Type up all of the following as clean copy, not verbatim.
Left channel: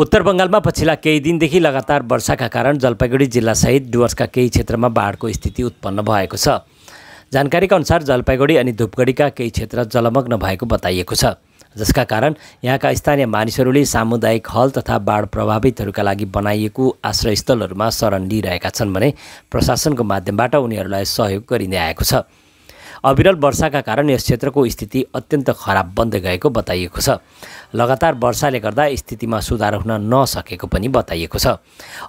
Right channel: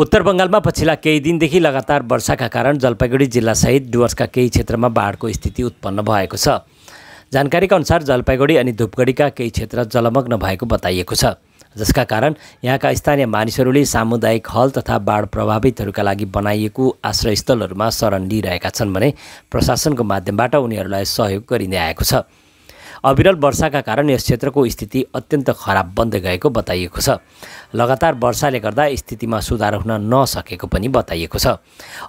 उत्तर बंगालमा पछिल्ला केही दिनदेखि लगातार वर्षाका कारण जलपाइगुडी जिल्लासहित डुवर्सका केही क्षेत्रमा बाढको स्थिति उत्पन्न भएको छ। जानकारीका अनुसार जलपाइगुडी अनि धुपगढीका केही क्षेत्र जलमग्न भएको बताइएको छ, जसका कारण यहाँका स्थानीय मानिसहरूले सामुदायिक हल तथा बाढ प्रभावितहरूका लागि बनाइएको आश्रयस्थलहरूमा शरण लिइरहेका छन् भने प्रशासनको माध्यमबाट उनीहरूलाई सहयोग गरिँदै आएको छ। अविरल वर्षाका कारण यस क्षेत्रको स्थिति अत्यन्त खराब बन्दै गएको बताइएको छ। लगातार वर्षाले गर्दा स्थितिमा सुधार हुन नसकेको पनि बताइएको छ।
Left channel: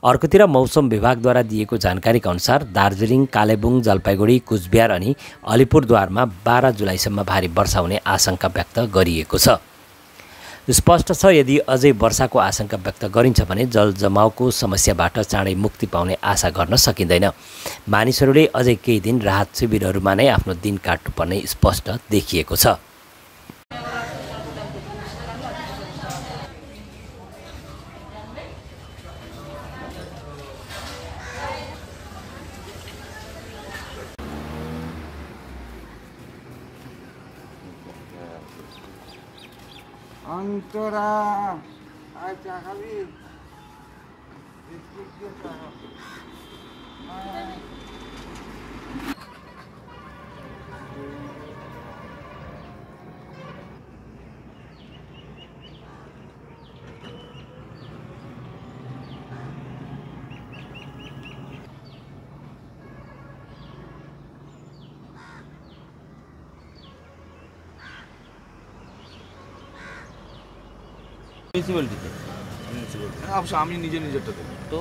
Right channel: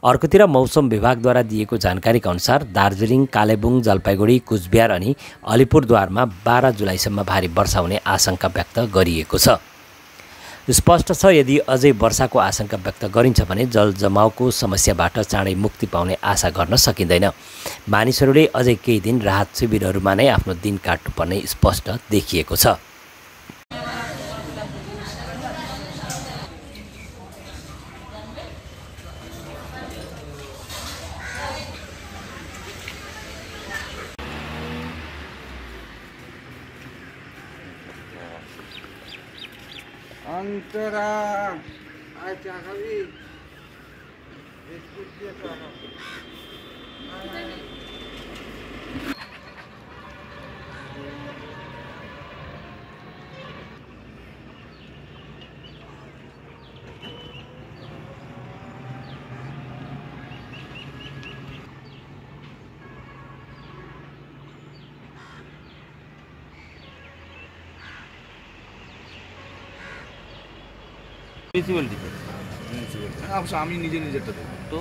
अर्कोतिर मौसम विभागद्वारा दिएको जानकारीका अनुसार दार्जिलिङ, कालेबुङ, जलपाइगुडी, कुचबिहार अनि अलिपुरद्वारमा 12 जुलाईसम्म भारी वर्षा हुने आशंका व्यक्त गरिएको छ। स्पष्ट छ, यदि अझै वर्षाको आशंका व्यक्त गरिन्छ भने जल जमावको समस्याबाट चाँडै मुक्ति पाउने आशा गर्न सकिँदैन। मानिसहरूले अझै केही दिन राहत शिविरहरूमा नै आफ्नो दिन काट्नुपर्ने स्पष्ट देखिएको छ। Antara aja kali diskusi apa? Municipal দিকে অবশ্য আমি নিজেরটা দেবো তো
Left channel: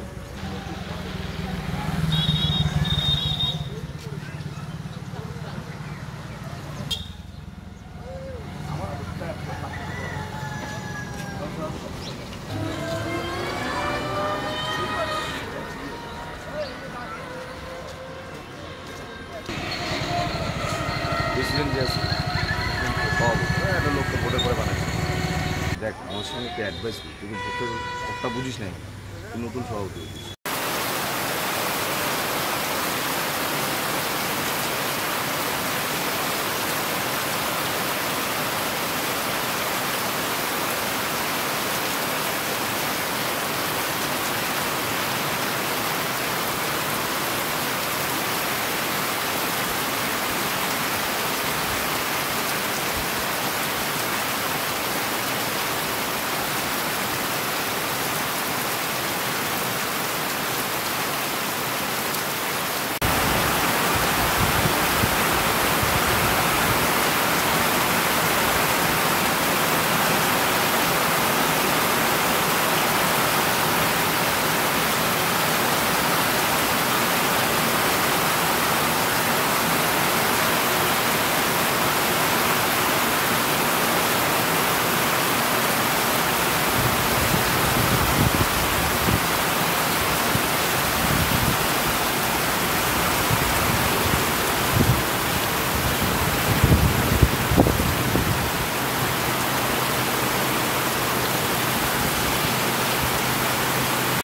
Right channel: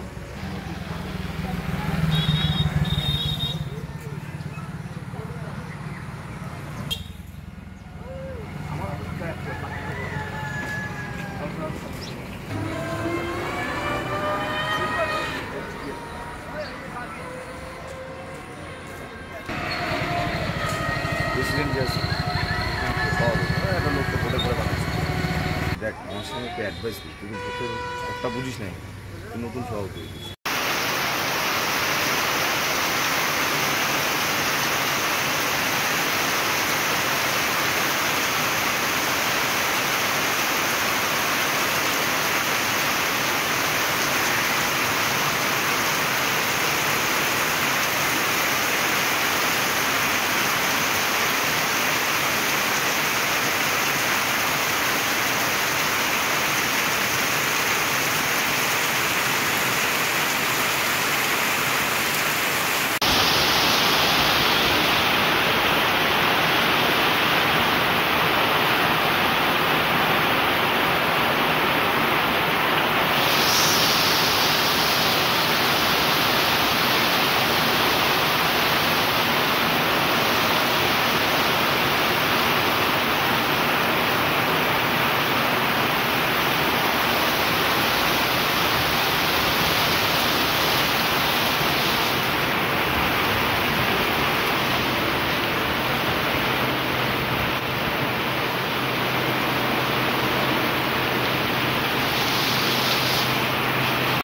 প্রেসিডেন্ট যে আছে একটা লোক তো ভোটের পরে বানাচ্ছে। দেখ আমার সঙ্গে একটা অ্যাডভাইস দিই, তুই ভোটের কথা বুঝিস না, তুই নতুন সভাপতি হয়েছিস।